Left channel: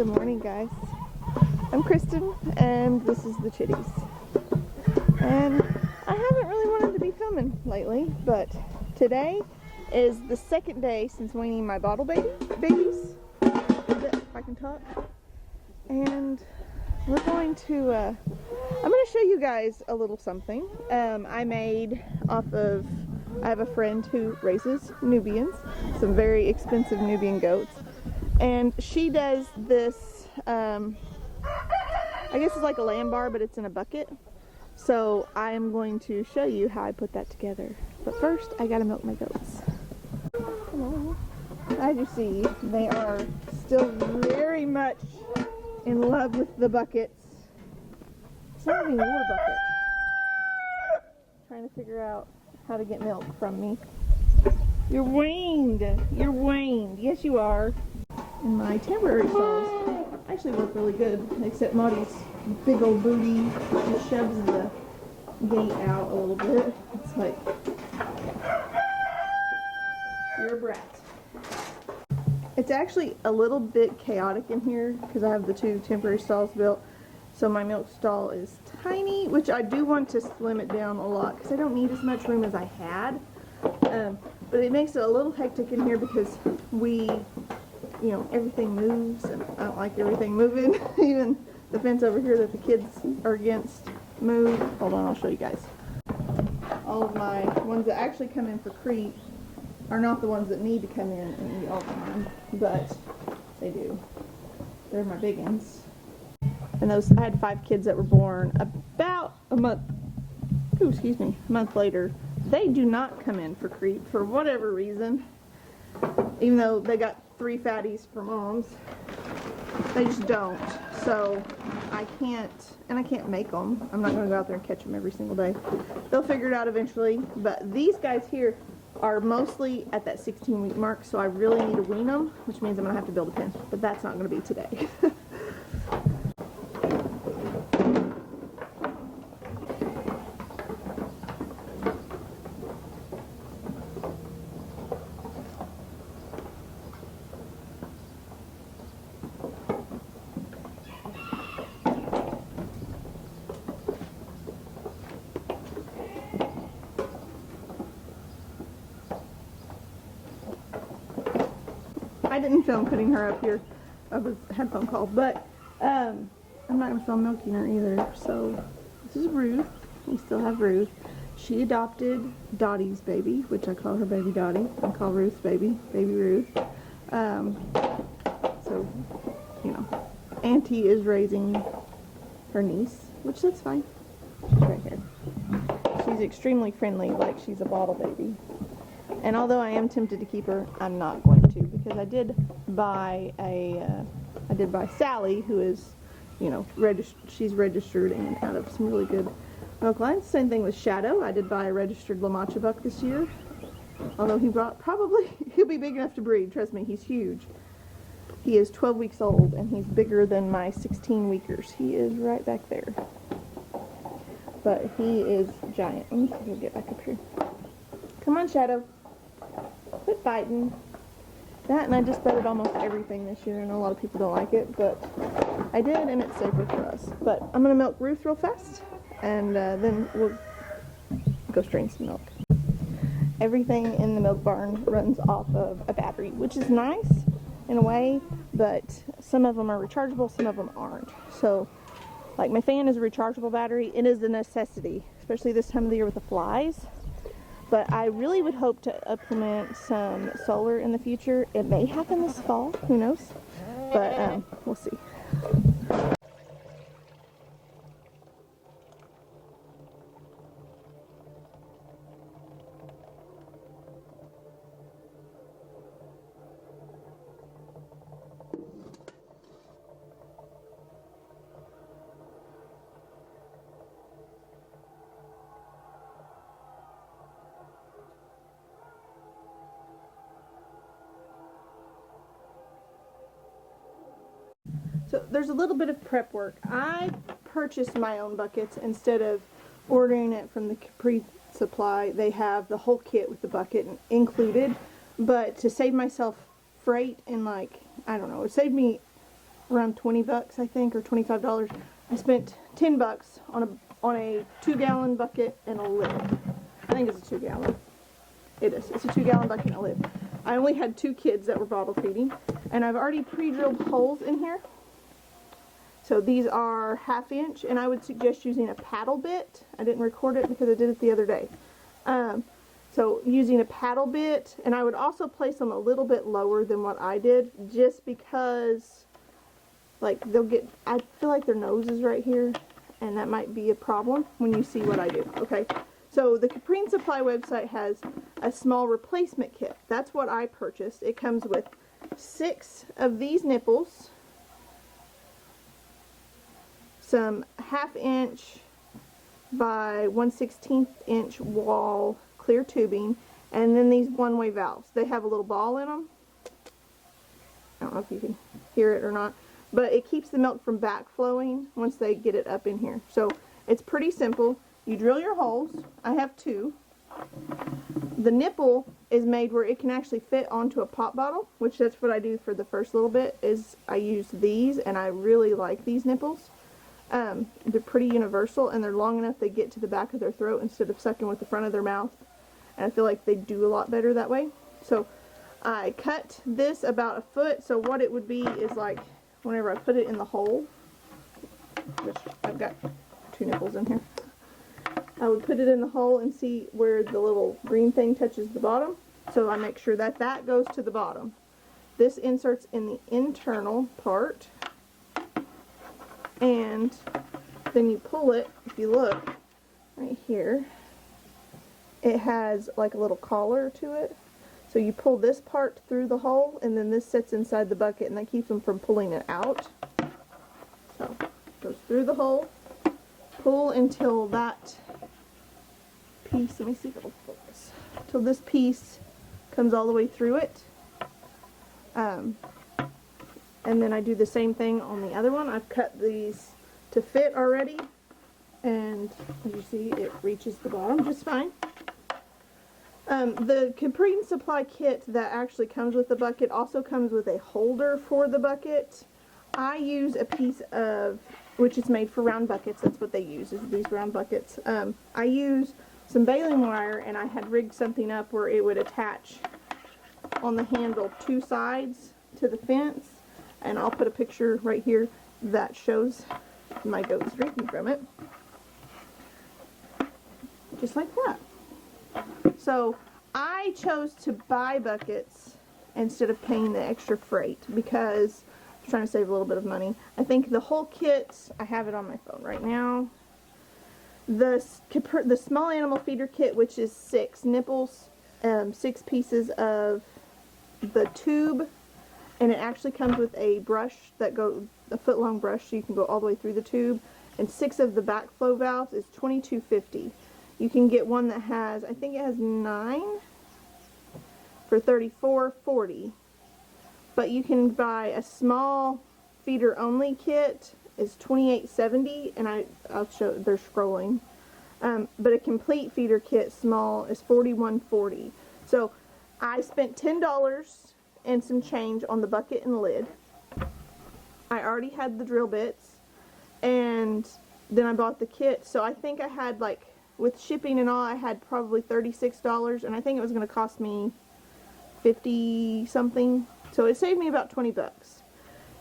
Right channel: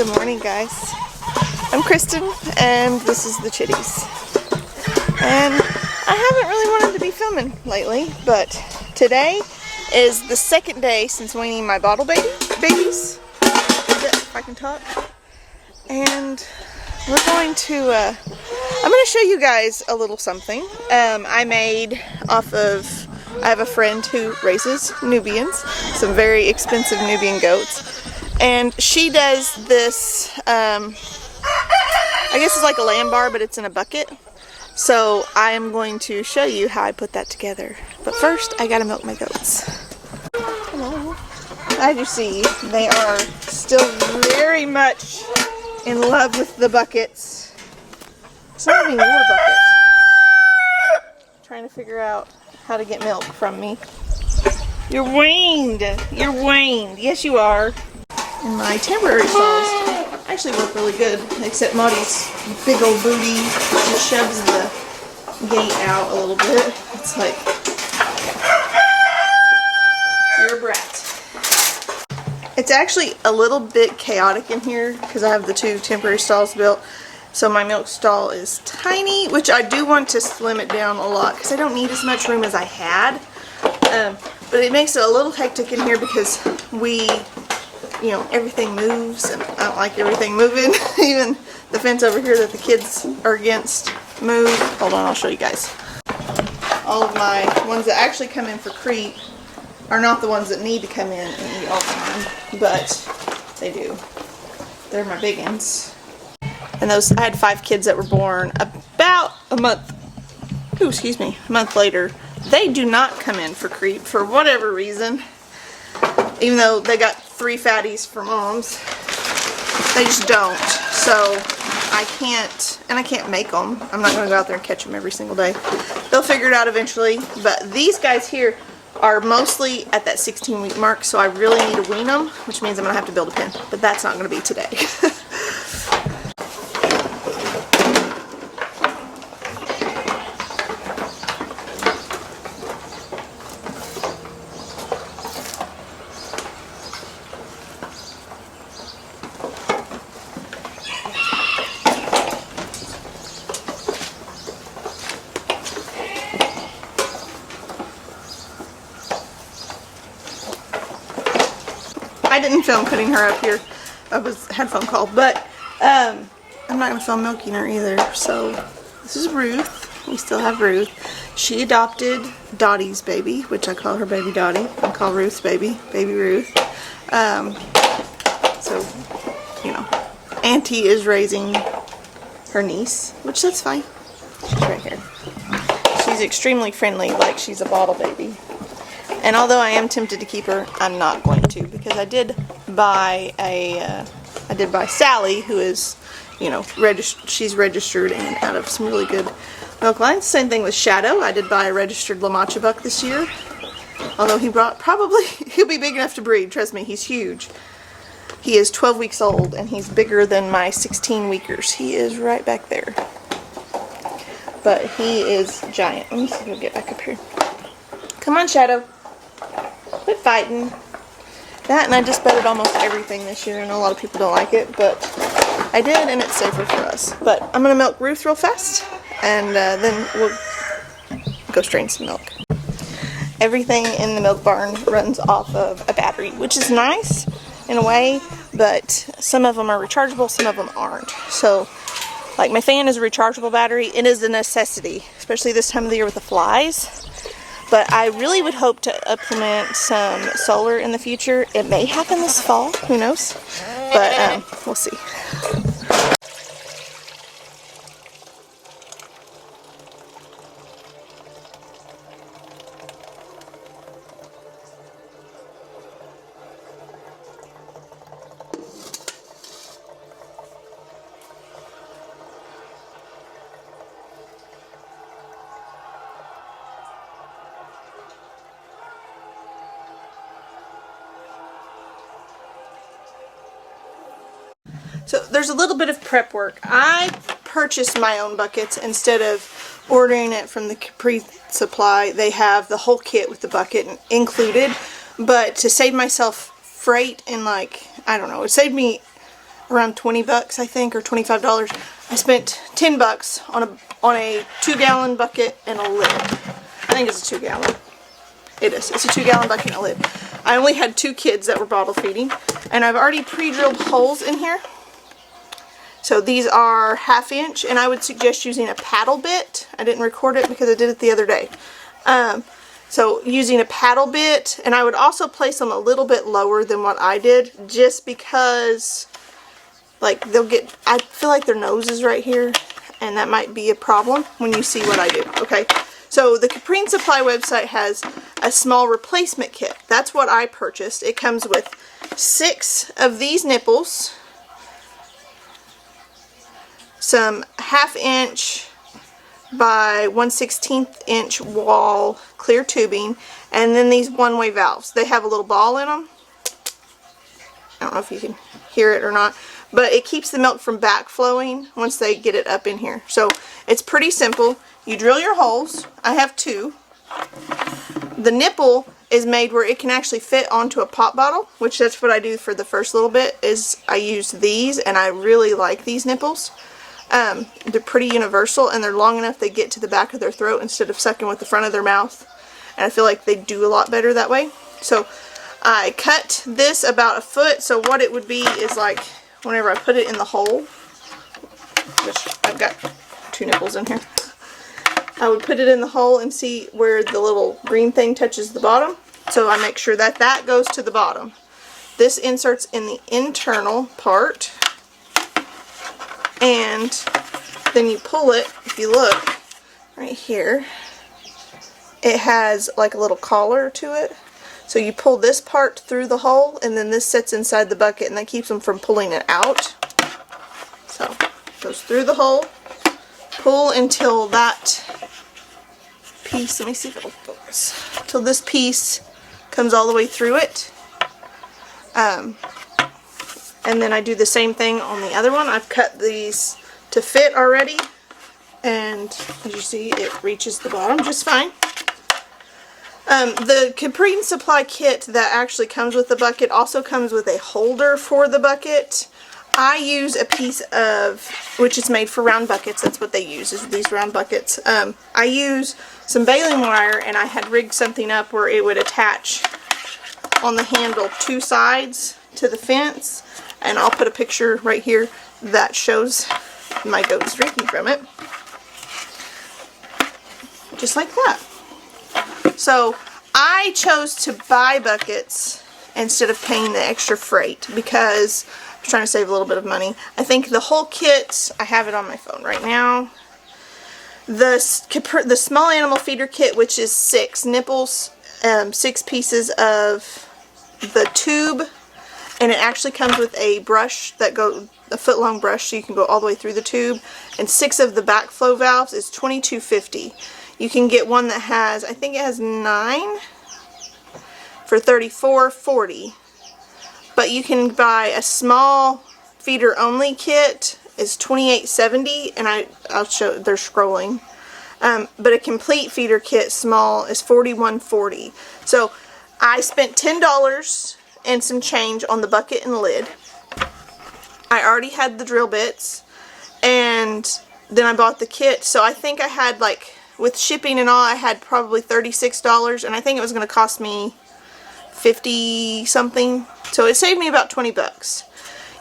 Good morning, guys. I'm Kristen, and this is the Chitties. And I haven't really wanted to be filming lately, but today is the second day since weaning my bottle babies, if I can talk. And we're going to, I'm going to show you guys a little something I made off of, I have a friend who raises Nubians, some very expensive Nubian goats. And she does this, I guess it's like a LAMBBAR, but it's in a bucket. So I am going to show you how I put that together. But first, I gotta milk my goats. Hello. As you see, they are still very much in love with the buckets. It's not even your bucket. Trying to figure out how to get milk from me. You're weaned. You're weaned. Yes, you are. And my temporary stalls actually work really good, except Maudie's big old booty just shoves the gate out a little bit. It's like, you're a brat. It's actually a little bit chaotic in here because I have the two temporary stalls built. So my milk stall is tiny, which I do want to slim it down a lot because I don't need as much room as I had. But it makes it a little hectic in here because you know, everything moves, and I don't like everything moving. Even the fence over here that the kids are against move. Hold on, I'll show you guys. All of my ones that actually come in for creep are not the ones that need to come in and eat all the time, but they do. They're my big ones. And those, I had 5 kids that were born about a month later. They do not come in for creep for whatever reason. Even though they got 3 fatties for moms, they just don't. So I can't make them. I'm not going to go out there and catch them every single day. They'll figure it out eventually. But these guys here are mostly at that 16-week mark, so I really need to wean them, which means I'm going to have to build a pen. But that's not going to be today. I didn't film putting her up here. I had a phone call, but I'm not going to film milking her either. So this is Ruth. We still have Ruth. She adopted Dottie's baby, which I call her baby Dottie. I call Ruth's baby Ruth. So, you know, Auntie is raising her niece, which that's fine. She's right here. She's extremely friendly, like she's a bottle baby. And although I am tempted to keep her, I'm not going to, because I did buy Sally, who is, you know, she's registered and out of some really good milk lines. Same thing with Shadow. I did buy a registered La Mancha buck this year. Although he'll be big enough to breed. Trust me, he's huge. He is 12 weeks old, and he's bigger than my 16-weekers. He is right back there. But he is giant. Let me see if he'll get back up here. Come on, Shadow. Quit fighting. That, and I just bedded almost everything this year. I know a lot of people don't like it, but I did, and it's safer for us. But I'm going to milk Ruth real fast, and then we'll go strain some milk. Everything in the milk barn runs off of a battery, which is nice in a way, but some of them are rechargeable, some of them aren't. So, like my fan is a rechargeable battery. It is a necessity, especially this time of the year with the flies. But I really would hope to implement some solar in the future. It may happen this fall, who knows? But we'll see. So there's a little bit of prep work. I purchased my own buckets instead of ordering it from the Capri Supply. They have the whole kit with the bucket included, but to save myself freight and, like, I don't know, it saved me around 20 bucks, I think, or $25. I spent 10 bucks on a 2-gallon bucket and a lid. I think it's a 2-gallon. It is. It's a 2-gallon bucket and a lid. I only had 2 kids that were bottle feeding, and I've already pre-drilled holes in here. So these are 1/2 inch, and I would suggest using a paddle bit. I didn't record it because I did it the other day. So using a paddle bit, and I would also place them a little bit lower than what I did, just because, like, I feel like their nose is right here, and that might be a problem when you see what I do. Okay, so the Caprine Supply website has a small replacement kit. That's what I purchased. It comes with 6 of these nipples, some 1/2 inch by 1/16 inch wall clear tubing, and then these one-way valves. They have a little ball in them. I don't know if you can hear it or not, but it keeps the milk from backflowing once they get it up in here. So it's pretty simple. You drill your holes. I have 2. The nipple is made where it can actually fit onto a pop bottle, which that's what I do for the first little bit, is I use these, and I really like these nipples. They're pretty universal, and they're long enough they get to the back of their throat instead of sucking with the front of their mouth, and I feel like they do a lot better that way. So I cut this about 1 foot, so what it would be is like whenever I put it in the hole, which I've got 2 nipples in here, I would put it in the hole and see where the little green thing touches the bottom, so I make sure that that goes to the bottom. This inserts in the internal part, and then you pull it. If you look right here, it has like a little collar to it. So you pull this part through the hole, and then this sits inside the bucket, and that keeps them from pulling it out. So it goes through the hole, pull until that piece, let me see if it'll focus, till this piece comes all the way through it. And then I do the same thing on the other one. I've cut these to fit already, and as you see, it reaches the bottom just fine. The Caprine Supply kit that actually comes with the bucket also comes with a holder for the bucket. I use a piece of, which is made for round buckets, that's what they use, is these round buckets. I use some baling wire, and I had rigged something up where it would attach on the handle 2 sides to the fence, and I'll put a picture right here that shows my goats drinking from it. Just like that. So I chose to buy buckets instead of paying the extra freight because I'm trying to save a little bit of money. I think the whole kit, I have it on my phone right now, the small animal feeder kit, which is 6 nipples, 6 pieces of the tube, and it actually comes with a brush that goes, a foot-long brush, so you can go all the way through the tube, and 6 of the backflow valves is $22.50. You can get one that has, I think it has 9 for $34.40. But you can buy a small feeder only kit, is $28.70, and I'll show, they're scrolling. But a complete feeder kit small is $41.40. So I spent $10 and some change on the bucket and lid. I already had the drill bits, and then I bought the kit. So I think I had, like, with shipping and all, I had probably $36, and I think it was going to cost me 50 something. So it saved me about 20 bucks.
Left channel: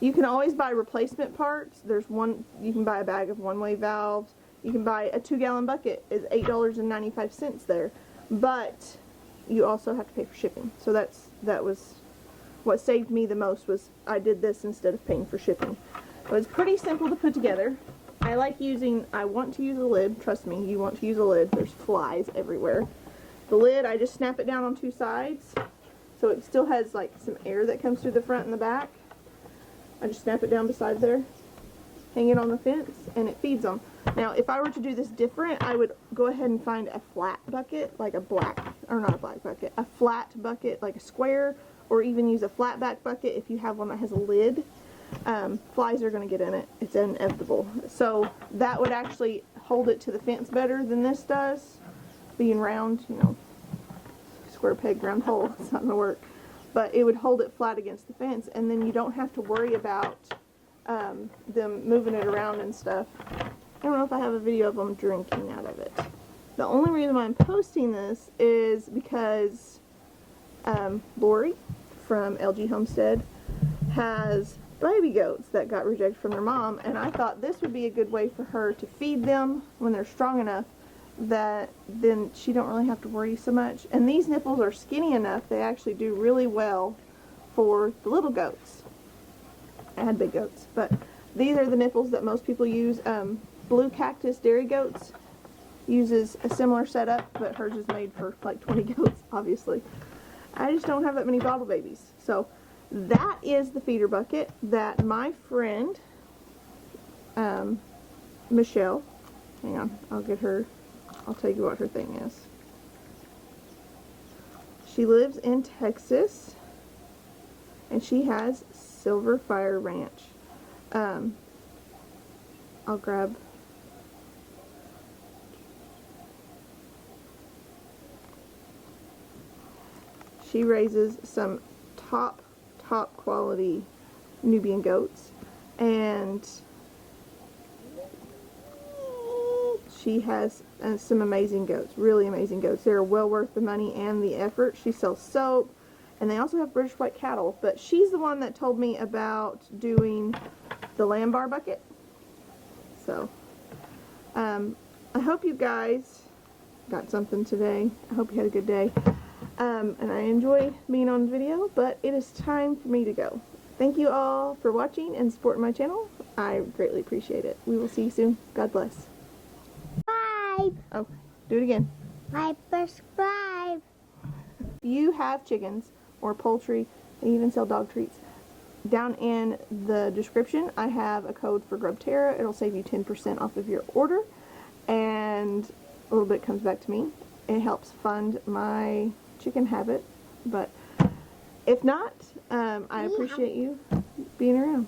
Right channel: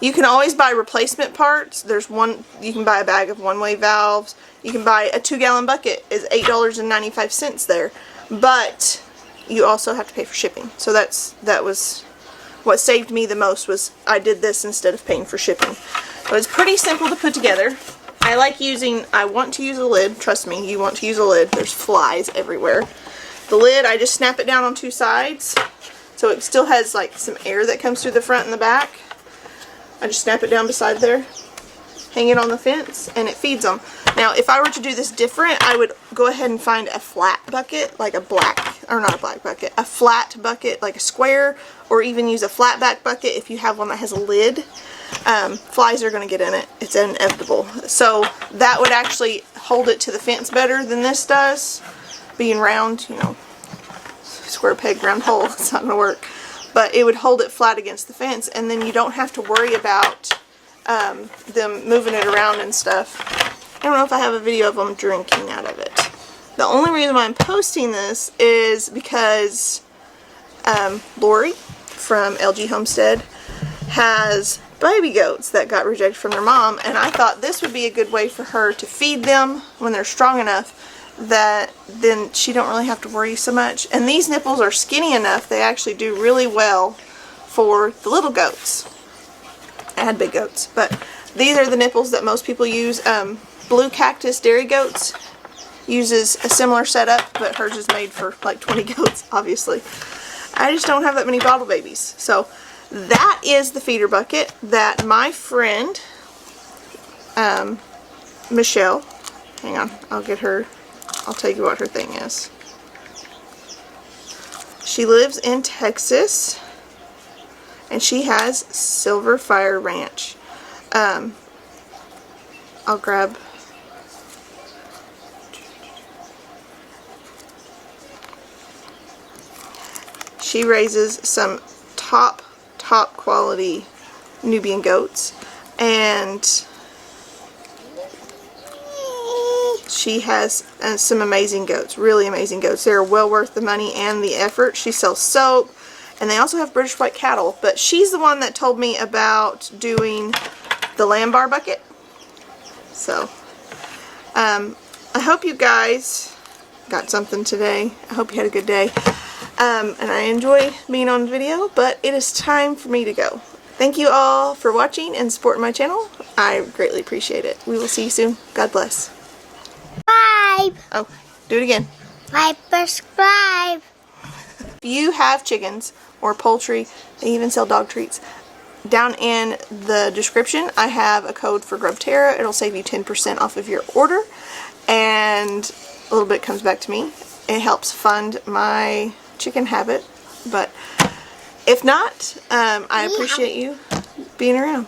You can always buy replacement parts. There's one, you can buy a bag of one-way valves. You can buy a 2-gallon bucket, is $8.95 there. But you also have to pay for shipping. So that was what saved me the most, was I did this instead of paying for shipping. But it's pretty simple to put together. I want to use a lid. Trust me, you want to use a lid. There's flies everywhere. The lid, I just snap it down on 2 sides. So it still has like some air that comes through the front and the back. I just snap it down beside there, hang it on the fence, and it feeds them. Now, if I were to do this different, I would go ahead and find a flat bucket, like a black, or not a black bucket, a flat bucket, like a square, or even use a flat back bucket if you have one that has a lid. Flies are going to get in it. It's inevitable. So that would actually hold it to the fence better than this does. Being round, you know, square peg, round hole, it's not going to work. But it would hold it flat against the fence, and then you don't have to worry about them moving it around and stuff. I don't know if I have a video of them drinking out of it. The only reason why I'm posting this is because Lori from LG Homestead has baby goats that got rejected from their mom, and I thought this would be a good way for her to feed them when they're strong enough that then she don't really have to worry so much. And these nipples are skinny enough, they actually do really well for the little goats. I had big goats, but these are the nipples that most people use. Blue Cactus Dairy Goats uses a similar setup, but hers is made for like 20 goats, obviously. I just don't have that many bottle babies. So that is the feeder bucket that my friend, Michelle, hang on, I'll tell you what her thing is. She lives in Texas, and she has Silver Fire Ranch. I'll grab... She raises some top quality Nubian goats, and she has some amazing goats, really amazing goats. They're well worth the money and the effort. She sells soap, and they also have British white cattle, but she's the one that told me about doing the LAMBBAR bucket. So I hope you guys got something today. I hope you had a good day. And I enjoy being on video, but it is time for me to go. Thank you all for watching and supporting my channel. I greatly appreciate it. We will see you soon. God bless. Subscribe. Oh, do it again. Subscribe. If you have chickens or poultry, they even sell dog treats. Down in the description, I have a code for Grub Terra. It'll save you 10% off of your order, and a little bit comes back to me. It helps fund my chicken habit, but if not, I appreciate you being around.